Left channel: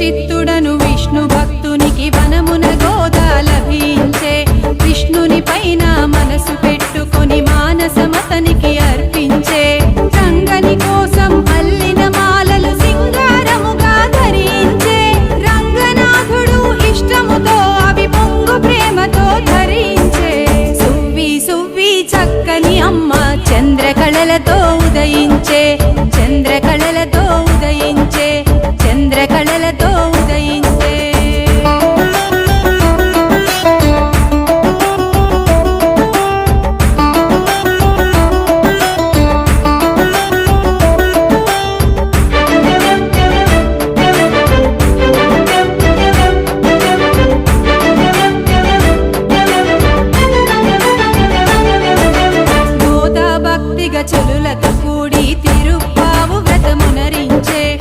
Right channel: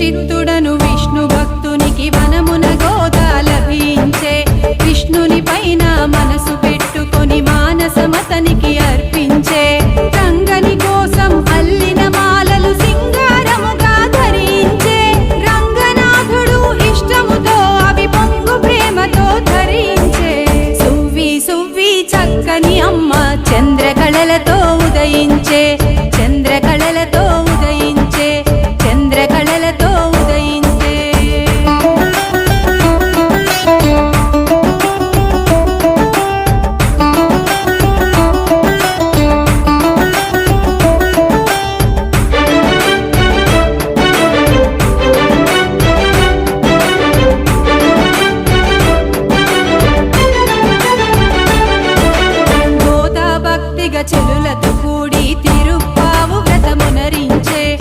చిత్తుడను విష్ణు భక్తునికి వనమున గోదా లభించే విష్ణుని పైన మనసు పెట్టుకొని మానసమతనికి అర్పించే రంగని కోసం అల్లిన మాలలు సింగారముగా ధరించే రంగనాథుడు ఇష్టముతో అవి పొంగు ప్రేమతో ధరించే సువ్వి సువ్వి చక్కని అమ్మ చంద్రకళలతో ఉదయించే చంద్ర